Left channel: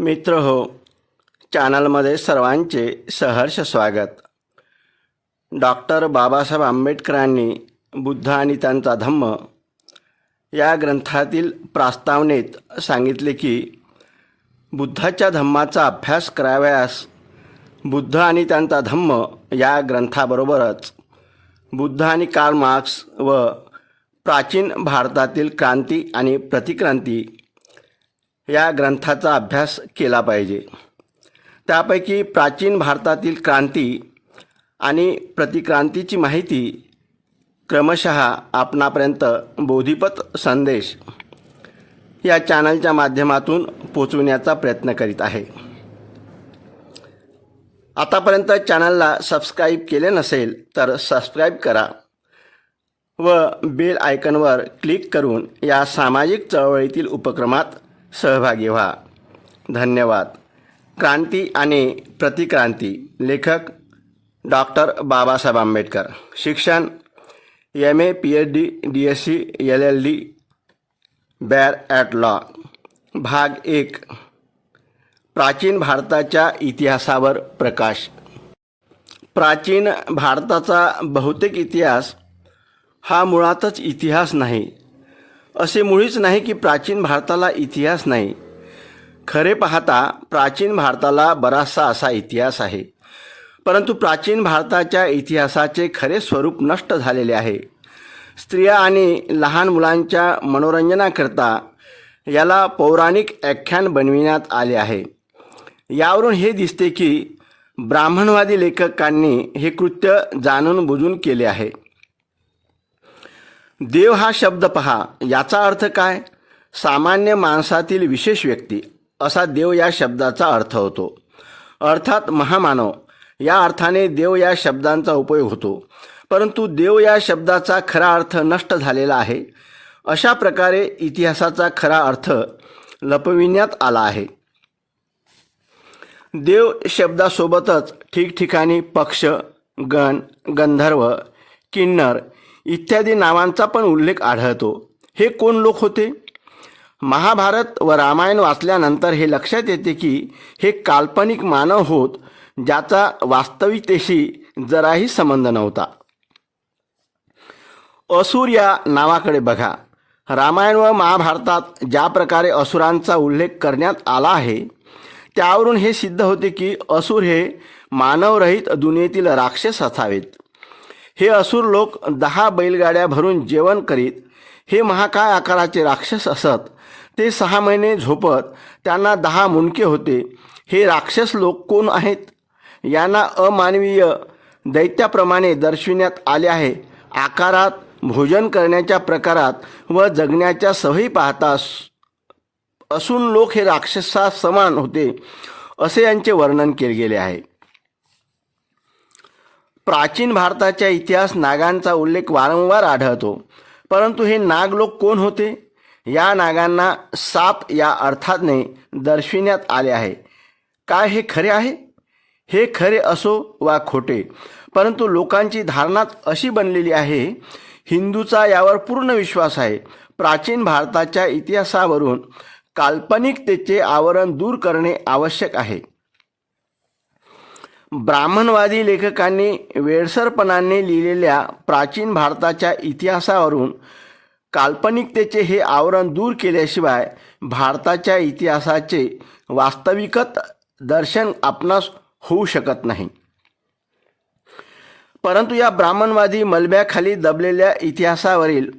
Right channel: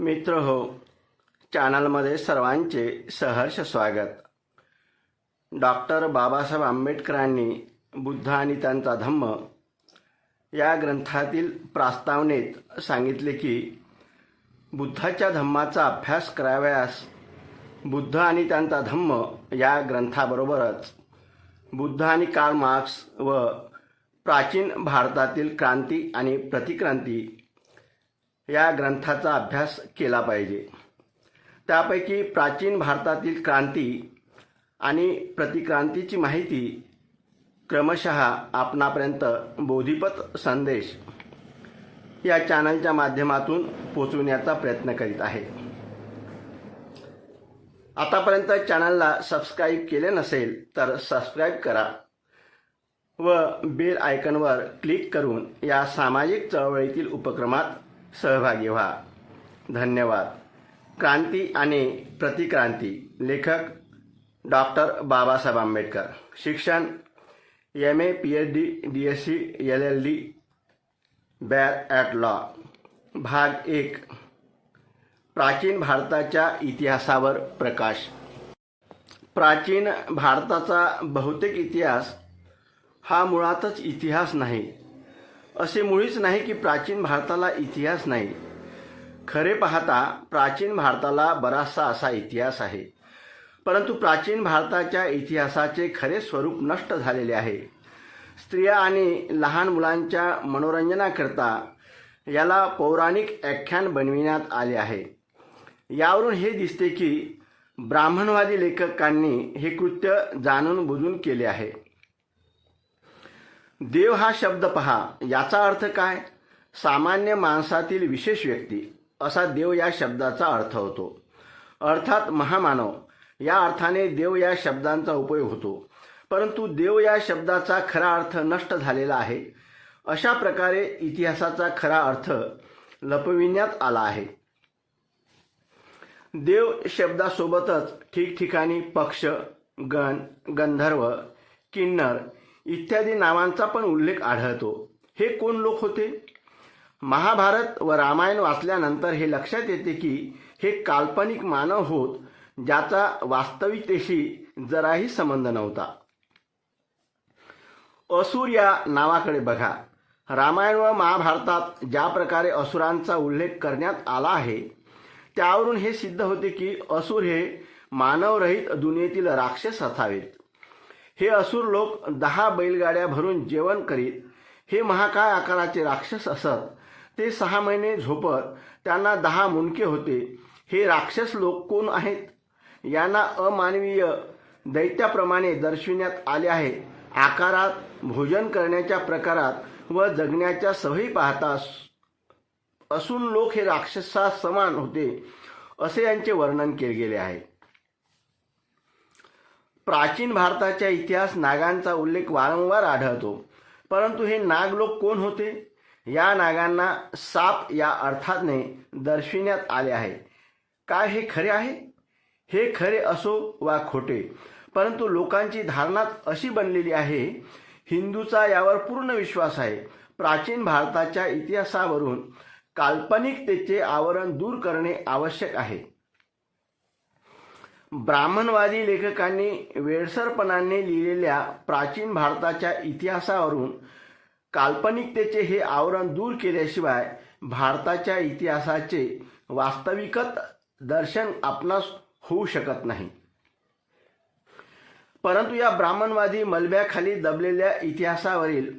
मित्र हो चॅनलमध्ये सर्वांचे सहर्ष स्वागत. डॉक्टर बाबासाहेब आंबेडकरांनी बुद्ध आणि त्यांचा धम्म या ग्रंथातील प्रास्तावनेत सांगितले की बुद्धाच्या धम्माचा अभ्यास करावयास बुद्ध आणि त्यांचा धम्म या ग्रंथाबरोबरच बुद्ध आणि कार्ल मार्क्स व प्राचीन भारतातील क्रांती आणि प्रतिक्रांती या ग्रंथाचा अभ्यास केला पाहिजे. त्यापैकी प्राचीन भारतातील क्रांती आणि प्रतिक्रांतीची माहिती क्रमशः आपणापर्यंत बोधिपत संदेश या चॅनलच्या माध्यमातून पोचविण्याचा प्रयत्न करीत आहे. आतापर्यंत चॅनलला सबस्क्राईब केले नसेल तर सबस्क्राईब करा व बेल आयकनवर क्लिक करून या सामाजिक चळवळीतील उपक्रमात सहभागी व्हा धन्यवाद. क्रांती आणि प्रतिक्रांती लेखक डॉक्टर बाबासाहेब आंबेडकर. शिक्षण M A P H D D S C L L D bar at law भाग एक. प्राचीन भारताच्या इतिहासावर प्रकाश. प्राचीन भारताचा बहुतेक इतिहास हा मुळातच इतिहास नाही असे मुळीच नाही की प्राचीन भारताला इतिहास नाही. खरे पाहता प्राचीन भारताला बराचसा असा इतिहास आहे. परंतु प्राचीन भारताच्या इतिहासाचे खरे स्वरूप नष्ट झालेले आहे. स्त्रिया आणि लहान मुलांच्या मनोरंजनाकरता याला पौराणिक आख्यान बनविण्यात आले आहे. यावरून हे दिसते की ब्राह्मणवादी लेखकांनी हे कृत्य जाणून बुजून केले आहे. देव हा शब्द पहा. याचा अर्थ काय? सामान्य माणसातील विशेष व्यक्ती असा देव या शब्दाचा अर्थ होतो. अर्थात महामानव या अर्थाने देव या शब्दांचा उपयोग होतो. परंतु देव या शब्दाचा खरा अर्थ नष्ट झालेला आहे. अशा प्रकारे इतिहासाचा खरा अर्थ लपविण्यात आला आहे. देव शब्दासोबतच ठिकठिकाणी पक्ष गण गंधर्व किन्नर इत्यादी नावांचा पण उल्लेख आढळतो. हे कोण लोक होते? महाभारत व रामायण वाचल्यानंतर हे लक्षात येते की हे काल्पनिक मानव होत ज्याचा वास्तविकतेशी जराही संबंध नव्हता. असुर या नावाकडे बघा. रामायण व महाभारतात ज्या प्रकारे असुरांचा उल्लेख करण्यात आला आहे त्यावरून हे सिद्ध होते की असुर हे मानवरहित दुनियेतील राक्षस असावेत. हे असुर लोक दहा बैलगाड्या भरून जेवण करीत हे महाकाय आकाराचे राक्षस असत. ते सहा महिने झोपत त्यांना दहा मुंडके होते. हे राक्षस लोक कोण आहेत? यांना अमानवीय दैत्याप्रमाणे दर्शविण्यात आले आहे. आकारात भोजन करण्याच्या प्रकारात व जगण्याच्या सवयी पाहता असून लोक हे राक्षसा समान होते असे यांचे वर्णन केले गेले आहे. प्राचीन भारताच्या इतिहास नागांचा उल्लेख वारंवार आढळतो. परंतु हे नाग लोक कोण होते? या नागांना साप या अर्थाने दर्शविण्यात आले आहे. काय हे खरे आहे? हे खरे असो वा खोटे परंतु लोकांची धारणाच अशी बनलेली आहे हिंदूचा यावर पूर्ण विश्वास आहे. प्राचीन भारताच्या इतिहासावरून काल्पनिकतेचे आवरण दूर करणे आवश्यक आहे. ब्राह्मणवादी लेखकांनी वेळसरपणाने लिहिलेल्या प्राचीन भारताच्या इतिहासावरून काल्पनिकतेचे हे आवरण दूर केल्याशिवाय भारताच्या इतिहासाचे वास्तविकत दर्शन आपणास होऊ शकत नाही. परंतु या ब्राह्मणवादी मलब्याखाली दबलेल्या इतिहासावरील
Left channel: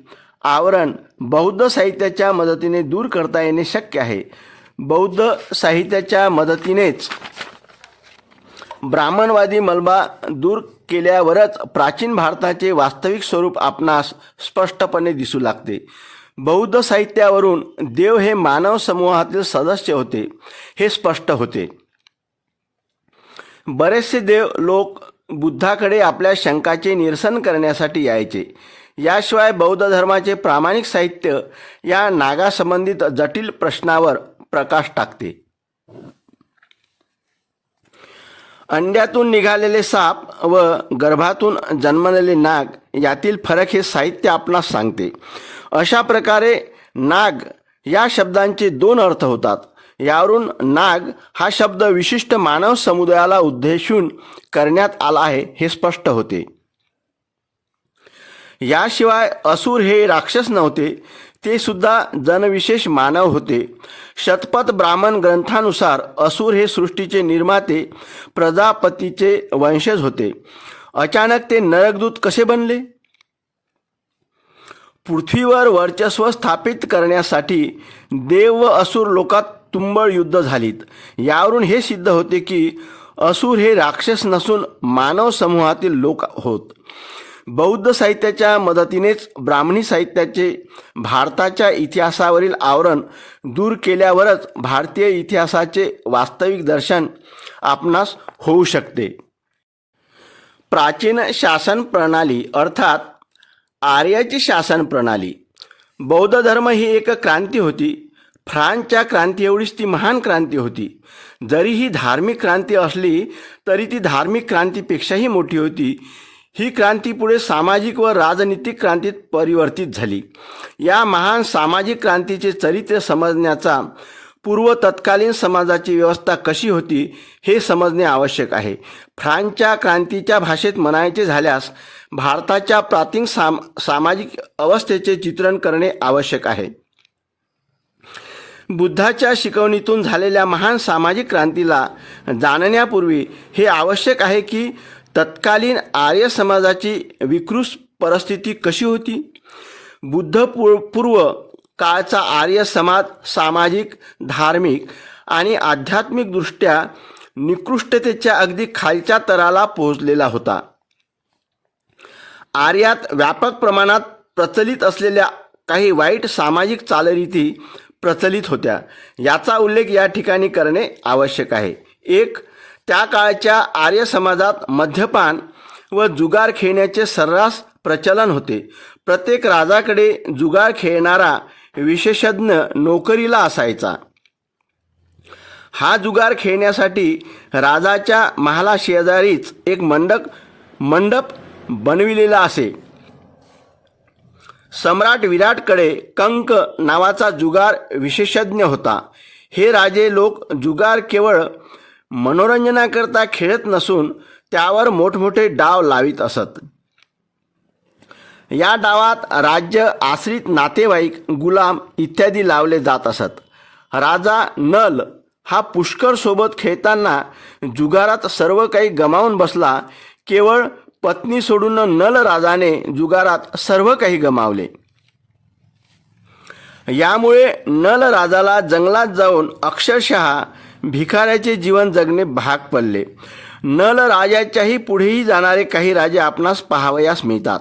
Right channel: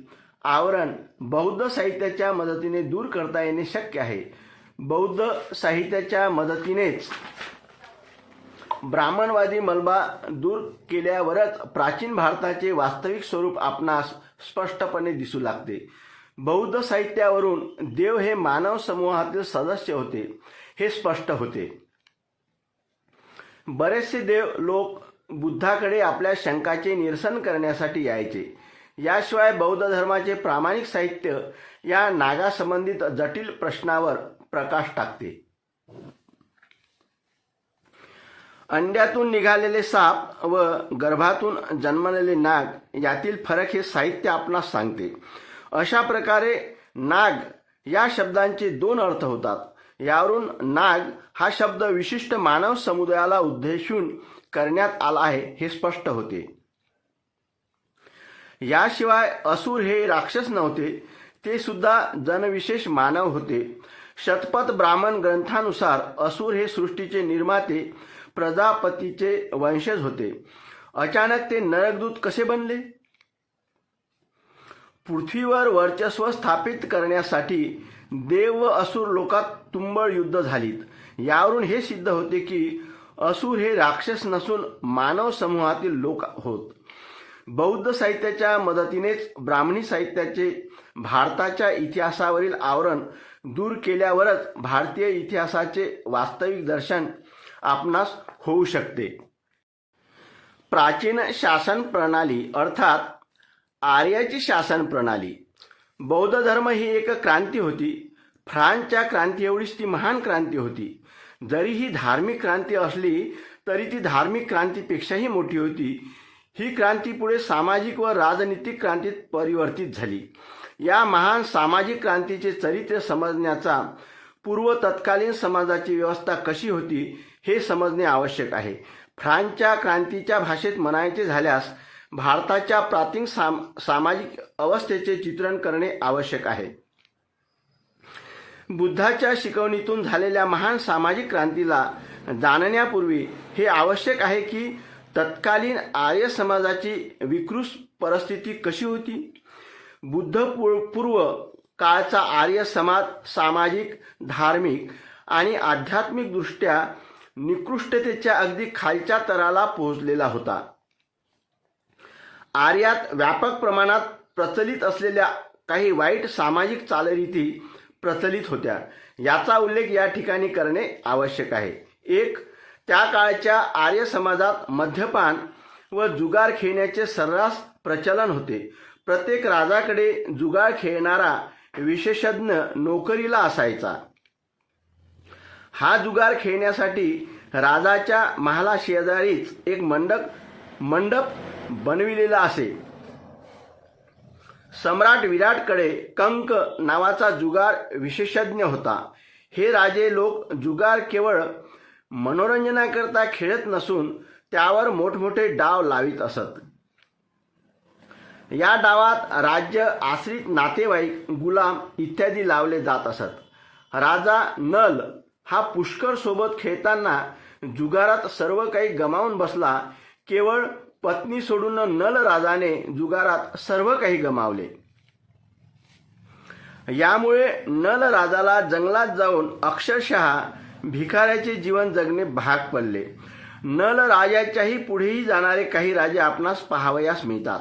आवरण बौद्ध साहित्याच्या मदतीने दूर करता येणे शक्य आहे. बौद्ध साहित्याच्या मदतीनेच ब्राह्मणवादी मलबा दूर केल्यावरच प्राचीन भारताचे वास्तविक स्वरूप आपणास स्पष्टपणे दिसू लागते. बौद्ध साहित्यावरून देव हे मानव समूहातील सदस्य होते हे स्पष्ट होते. बरेचसे देव लोक बुद्धाकडे आपल्या शंकाचे निरसन करण्यासाठी यायचे. याशिवाय बौद्ध धर्माचे प्रामाणिक साहित्य या नागासंबंधित जटिल प्रश्नावर प्रकाश टाकते. अंड्यातून निघालेले साप व गर्भातून जन्मलेले नाग यातील फरक हे साहित्य आपणास सांगते. अशा प्रकारे नाग या शब्दांचे दोन अर्थ होतात. यावरून नाग हा शब्द विशिष्ट मानव समुदायाला उद्देशून करण्यात आला आहे हे स्पष्ट होते. याशिवाय असुर हे राक्षस नव्हते ते सुद्धा जनविशेष मानव होते. शतपथ ब्राह्मण ग्रंथानुसार असुर हे सृष्टीचे निर्माते प्रजापतीचे वंशज होते. अचानक ते नरकदूत कसे बनले? पृथ्वीवर वर्चस्व स्थापित करण्यासाठी देव व असुर लोकात तुंबळ युद्ध झालीत. यावरून हे सिद्ध होते की असुर हे राक्षस नसून मानव समूहातील लोक होत. बौद्ध साहित्याच्या मदतीनेच ब्राह्मणी साहित्याचे भारताच्या इतिहासावरील आवरण दूर केल्यावरच भारतीय इतिहासाचे वास्तविक दर्शन आपणास होऊ शकते. प्राचीन शासन प्रणाली अर्थात आर्याची शासन प्रणाली. बौद्ध धर्म ही एक क्रांती होती. फ्रान्सच्या क्रांती एवढीच ती महान क्रांती होती. जरी ही धार्मिक क्रांती असली तरी ती धार्मिक क्रांतीपेक्षाही मोठी होती. ही क्रांती पुढे सामाजिक व राजनीतिक क्रांतीत परिवर्तित झाली. या महान सामाजिक क्रांतीचे चरित्र समजण्याचा पूर्व तत्कालीन समाजाची व्यवस्था कशी होती हे समजणे आवश्यक आहे. फ्रान्सच्या क्रांतीच्या भाषेत म्हणायचे झाल्यास भारताच्या प्राचीन साम सामाजिक अवस्थेचे चित्रण करणे आवश्यक आहे. बुद्धाच्या शिकवणीतून झालेल्या महान सामाजिक क्रांतीला जाणण्यापूर्वी हे आवश्यक आहे की तत्कालीन आर्य समाजाची विकृत परिस्थिती कशी होती? बुद्ध पूर्व पूर्व काळचा आर्य समाज सामाजिक धार्मिक आणि आध्यात्मिकदृष्ट्या निकृष्टतेच्या अगदी खालच्या तराला पोहोचलेला होता. आर्यात व्यापक प्रमाणात प्रचलित असलेल्या काही वाईट सामाजिक चालरीती प्रचलित होत्या. याचा उल्लेख या ठिकाणी करणे आवश्यक आहे. एक त्या काळच्या आर्य समाजात मद्यपान व जुगार खेळण्याचे सर्रास प्रचलन होते. प्रत्येक राजाकडे जुगार खेळणारा विशेषज्ञ नोकरीला असायचा. हा जुगार खेळण्यासाठी राजाच्या महाला शेजारीच एक मंडप मंडप बनविलेला असे. सम्राट विराटकडे कंक नावाचा जुगार विशेषज्ञ होता. हे राजे लोक जुगार केवळ मनोरंजनाकरता खेळत नसून त्यावर मोठमोठे डाव लावित असत. या डावात राज्य आश्रित नातेवाईक गुलाम इत्यादी लावले जात असत. राजा नल हा पुष्कर सोबत खेळताना जुगारात सर्व काही गमावून बसला. केवळ पत्नी सोडून नल राजाने जुगारात सर्व काही गमावले. यामुळे नल राजाला जंगलात जाऊन अक्षरशः भिकाऱ्याचे जीवन जगणे भाग पडले. नल राजाच्याही पुढेही जाणारे काही राजे आपणास पाहावयास मिळतात.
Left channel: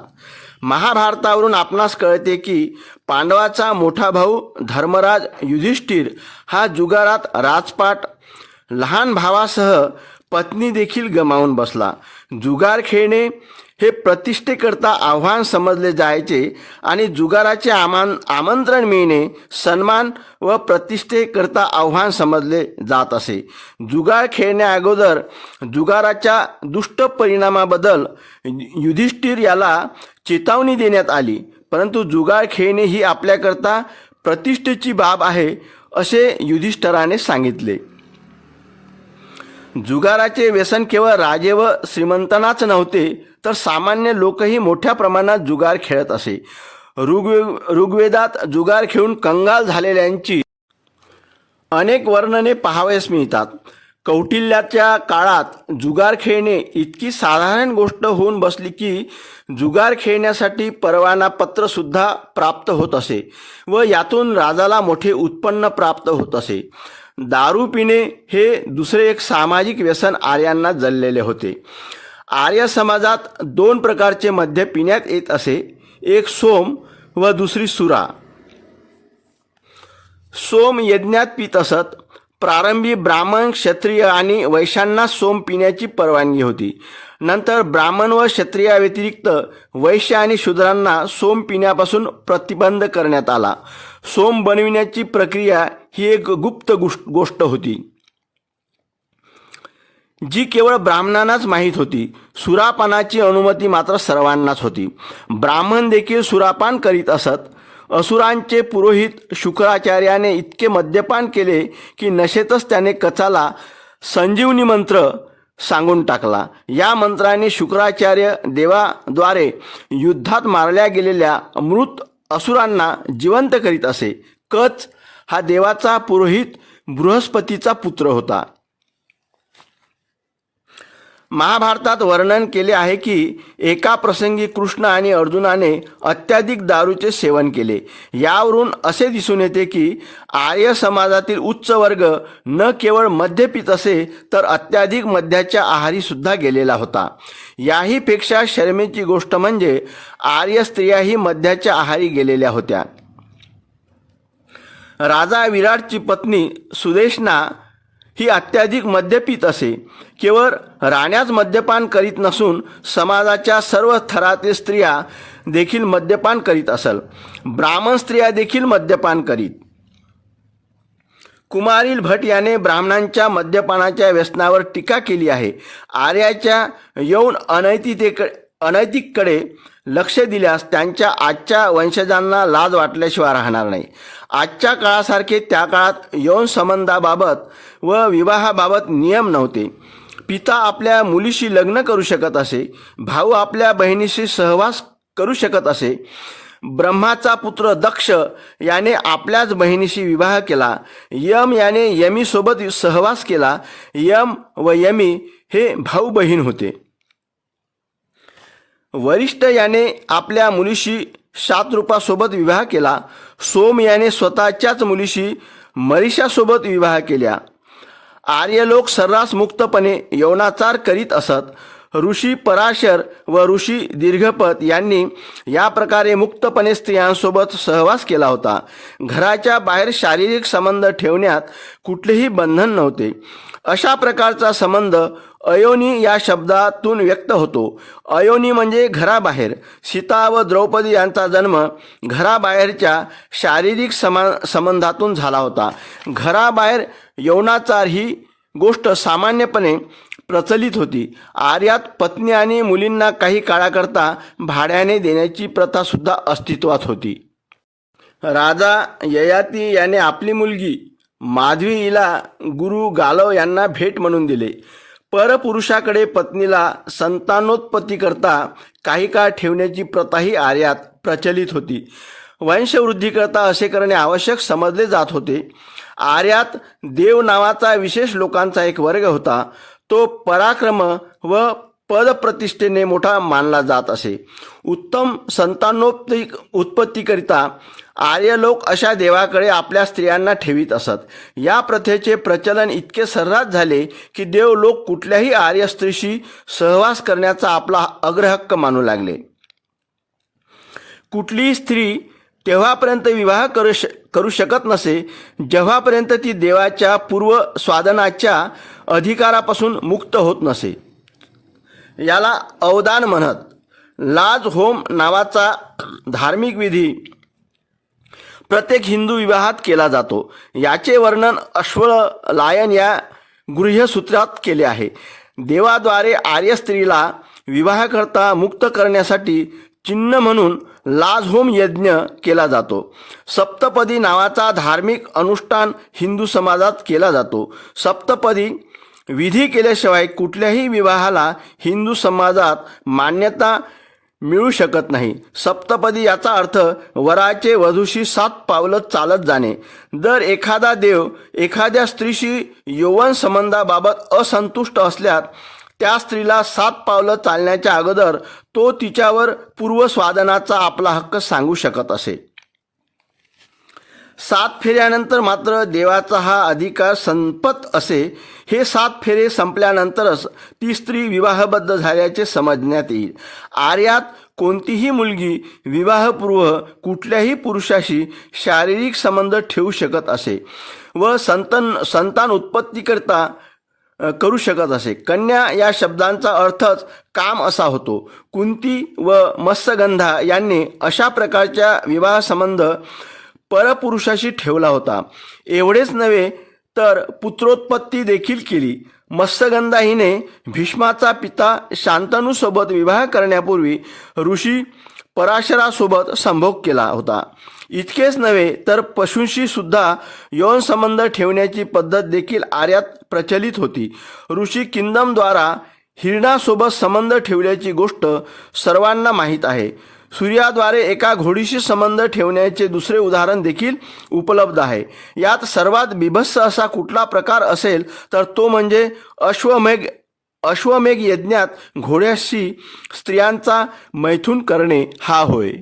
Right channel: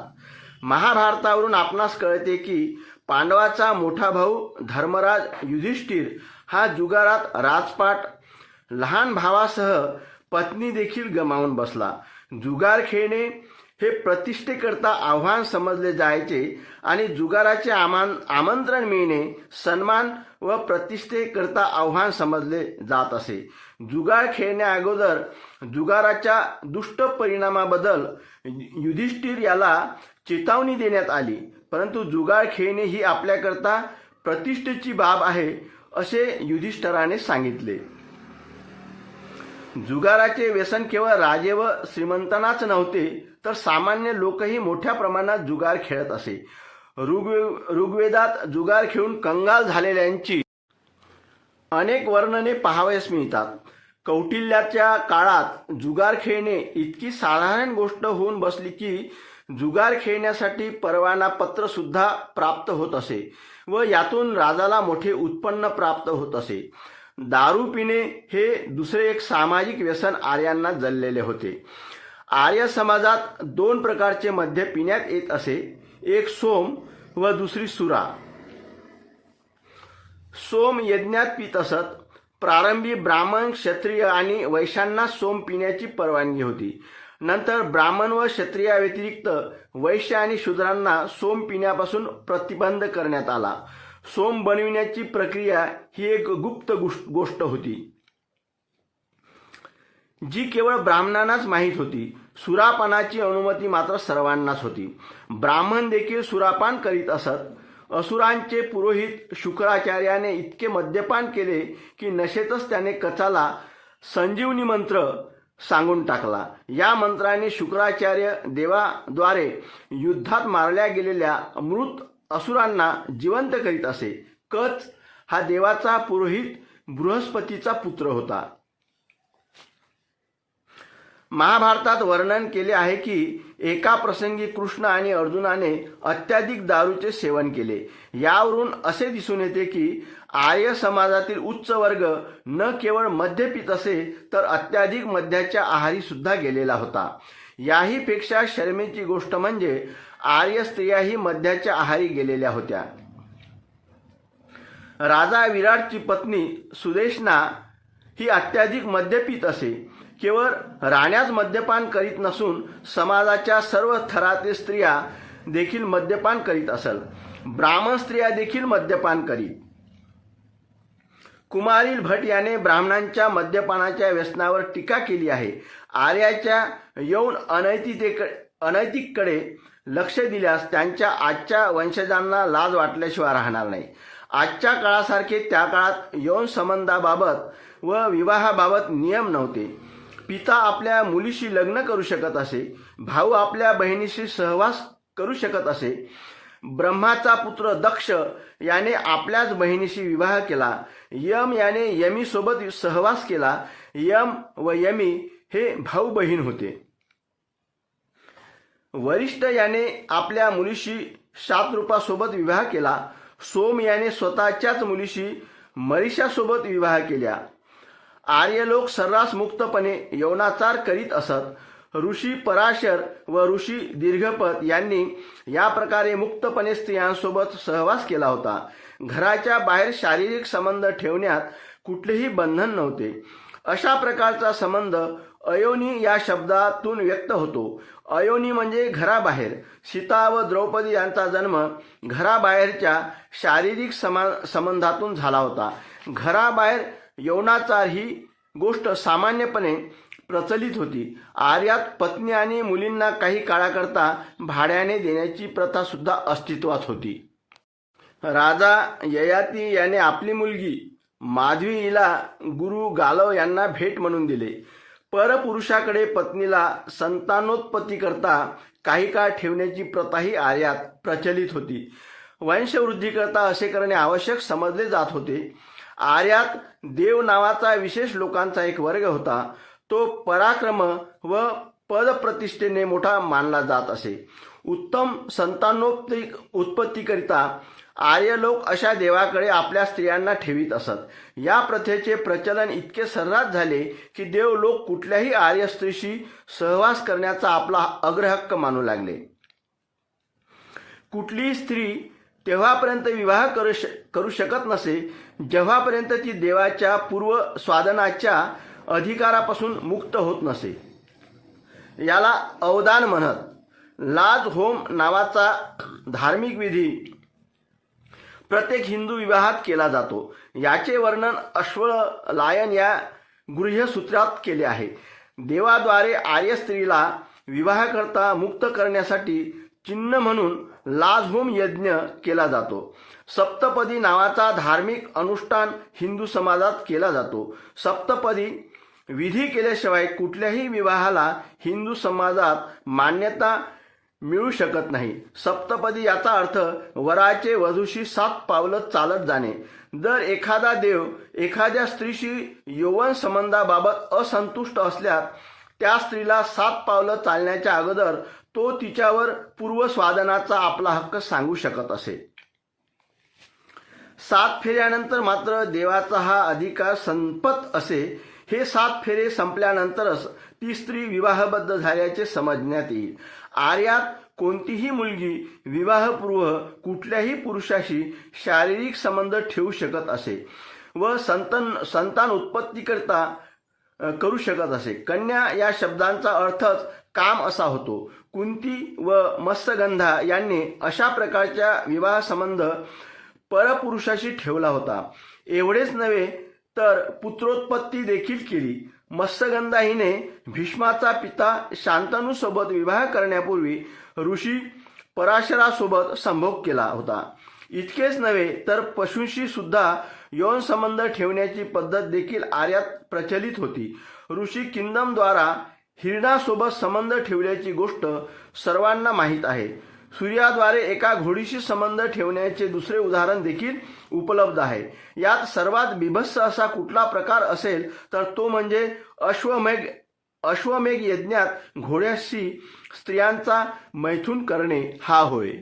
महाभारतावरून आपणास कळते की पांडवाचा मोठा भाऊ धर्मराज युधिष्ठिर हा जुगारात राजपाट लहान भावासह पत्नी देखील गमावून बसला. जुगार खेळणे हे प्रतिष्ठेकरता आव्हान समजले जायचे आणि जुगाराचे आमान आमंत्रण मिळणे सन्मान व प्रतिष्ठेकरता आव्हान समजले जात असे. जुगार खेळण्या अगोदर जुगाराच्या दुष्ट परिणामाबद्दल युधिष्ठिर याला चेतावणी देण्यात आली. परंतु जुगार खेळणे ही आपल्याकरता प्रतिष्ठेची बाब आहे असे युधिष्ठराने सांगितले. जुगाराचे व्यसन केवळ राजे व श्रीमंतांनाच नव्हते तर सामान्य लोकही मोठ्या प्रमाणात जुगार खेळत असे. ऋग्वे ऋग्वेदात जुगार खेळून कंगाल झालेल्यांची अनेक वर्णने पाहावयास मिळतात. कौटिल्याच्या काळात जुगार खेळणे इतकी साधारण गोष्ट होऊन बसली की जुगार खेळण्यासाठी परवाना प्राप्त होत असे व यातून राजाला मोठे उत्पन्न प्राप्त होत असे. दारू पिणे हे दुसरे एक सामाजिक व्यसन आर्यांना जळलेले होते. आर्य समाजात दोन प्रकारचे मद्य पिण्यात येत असे. एक सोम व दुसरी सुरा. सोम यज्ञात पित असत. प्रारंभी ब्राह्मण क्षत्रिय आणि वैश्यांना सोम पिण्याची परवानगी होती. नंतर ब्राह्मण व क्षत्रियाव्यतिरिक्त वैश्य आणि शूद्रांना सोम पिण्यापासून प्रतिबंध करण्यात आला. सोम बनविण्याची प्रक्रिया ही एक गुप्त गोष्ट होती. जी केवळ ब्राह्मणांनाच माहीत होती सुरापानाची अनुमती मात्र सर्वांनाच होती. ब्राह्मण देखील सुरापान करीत असत. असुरांचे पुरोहित शुक्राचार्याने इतके मद्यपान केले की नशेतच त्याने कचाला संजीवनी मंत्र सांगून टाकला. या मंत्राने शुक्राचार्य देवाद्वारे युद्धात मारल्या गेलेल्या मृत असुरांना जिवंत करीत असे. कच हा देवाचा पुरोहित बृहस्पतीचा पुत्र होता. महाभारतात वर्णन केले आहे की एका प्रसंगी कृष्ण आणि अर्जुनाने अत्याधिक दारूचे सेवन केले. यावरून असे दिसून येते की आर्य समाजातील उच्च वर्ग न केवळ मद्य पित असे तर अत्याधिक मद्याच्या आहारी सुद्धा गेलेला होता. याहीपेक्षा शर्मेची गोष्ट म्हणजे आर्य स्त्रियाही मद्याच्या आहारी गेलेल्या होत्या. राजा विराटची पत्नी सुदेशना ही अत्याधिक मद्यपित असे. केवळ राण्याच मद्यपान करीत नसून समाजाच्या सर्व थरातील स्त्रिया देखील मद्यपान करीत असल. ब्राह्मण स्त्रिया देखील मद्यपान करीत. कुमारील भट याने ब्राह्मणांच्या मद्यपानाच्या व्यसनावर टीका केली आहे. आर्याच्या यौन अनैतिकतेक अनैतिककडे लक्ष दिल्यास त्यांच्या आजच्या वंशजांना लाज वाटल्याशिवाय राहणार नाही. आजच्या काळासारखे त्या काळात यौन संबंधाबाबत व विवाहाबाबत नियम नव्हते. पिता आपल्या मुलीशी लग्न करू शकत असे भाऊ आपल्या बहिणीशी सहवास करू शकत असे. ब्रह्माचा पुत्र दक्ष याने आपल्याच बहिणीशी विवाह केला. यम याने यमीसोबत सहवास केला. यम व यमी हे भाऊ बहीण होते. वरिष्ठ याने आपल्या मुलीशी शातरूपासोबत विवाह केला. सोम याने स्वतःच्याच मुलीशी मरीषासोबत विवाह केल्या. आर्य लोक सर्रास मुक्तपणे यौनाचार करीत असत. ऋषी पराशर व ऋषी दीर्घपत यांनी या प्रकारे मुक्तपणे स्त्रियांसोबत सहवास केला होता. घराच्या बाहेर शारीरिक संबंध ठेवण्यात कुठलेही बंधन नव्हते. अशा प्रकारचा संबंध अयोनी या शब्दातून व्यक्त होतो. अयोनी म्हणजे घराबाहेर. सीता व द्रौपदी यांचा जन्म घराबाहेरच्या शारीरिक समा संबंधातून झाला होता. घराबाहेर यौनाचार ही गोष्ट सामान्यपणे प्रचलित होती. आर्यात पत्नी आणि मुलींना काही काळाकरता भाड्याने देण्याची प्रथासुद्धा अस्तित्वात होती. राजा ययाती याने आपली मुलगी माधवी हिला गुरु गालव यांना भेट म्हणून दिले. परपुरुषाकडे पत्नीला संतानोत्पत्तीकरता काही काळ ठेवण्याची प्रथाही आर्यात प्रचलित होती. वंशवृद्धीकरता असे करणे आवश्यक समजले जात होते. आर्यात देव नावाचा विशेष लोकांचा एक वर्ग होता. तो पराक्रम व पदप्रतिष्ठेने मोठा मानला जात असे. उत्तम संतानोत्पत्ती उत्पत्तीकरिता आर्य लोक अशा देवाकडे आपल्या स्त्रियांना ठेवीत असत. या प्रथेचे प्रचलन इतके सर्रास झाले की देव लोक कुठल्याही आर्य स्त्रीशी सहवास करण्याचा आपला अग्रहक्क मानू लागले. कुठलीही स्त्री तेव्हापर्यंत विवाह करू श करू शकत नसे जेव्हापर्यंत ती देवाच्या पूर्व स्वादनाच्या अधिकारापासून मुक्त होत नसे. याला अवदान म्हणत. लाज होम नावाचा धार्मिक विधी प्रत्येक हिंदू विवाहात केला जातो. याचे वर्णन अश्वलायन या गृह्यसूत्रात केले आहे. देवाद्वारे आर्य स्त्रीला विवाहाकरता मुक्त करण्यासाठी चिन्ह म्हणून लाजहोम यज्ञ केला जातो. सप्तपदी नावाचा धार्मिक अनुष्ठान हिंदू समाजात केला जातो. सप्तपदी विधी केल्याशिवाय कुठल्याही विवाहाला हिंदू समाजात मान्यता मिळू शकत नाही. सप्तपदी याचा अर्थ वराचे वधूशी सात पावलं चालत जाणे. जर एखादा देव एखाद्या स्त्रीशी यौवन संबंधाबाबत असंतुष्ट असल्यास त्या स्त्रीला सात पावलं चालण्याच्या अगोदर तो तिच्यावर पूर्वस्वादनाचा आपला हक्क सांगू शकत असे. सात फेऱ्यानंतर मात्र देवाचा हा अधिकार संपत असे. हे सात फेरे संपल्यानंतरच ती स्त्री विवाहबद्ध झाल्याचे समजण्यात येईल. आर्यात कोणतीही मुलगी विवाहपूर्व कुठल्याही पुरुषाशी शारीरिक संबंध ठेवू शकत असे व संतन संतान उत्पत्तीकरता करू शकत असे. कन्या या शब्दांचा अर्थच काम असा होतो. कुंती व मत्स्यगंधा यांनी अशा प्रकारच्या विवाह संबंध परपुरुषाशी ठेवला होता. एवढेच नव्हे तर पुत्रोत्पत्ती देखील केली. मत्स्यगंधा हिने भीष्माचा पिता शांतनूसोबत विवाह करण्यापूर्वी ऋषी पराशरासोबत संभोग केला होता. इतकेच नव्हे तर पशूंशी सुद्धा यौन संबंध ठेवण्याची पद्धत देखील आर्यात प्रचलित होती. ऋषी किंदमद्वारा हिरणासोबत संबंध ठेवल्याची गोष्ट सर्वांना माहीत आहे. सूर्याद्वारे एका घोडीशी संबंध ठेवण्याचे दुसरे उदाहरण देखील उपलब्ध आहे. यात सर्वात बिभत्स असा कुठला प्रकार असेल तर तो म्हणजे अश्वमेघ अश्वमेघ यज्ञात घोड्याशी स्त्रियांचा मैथून करणे हा होय.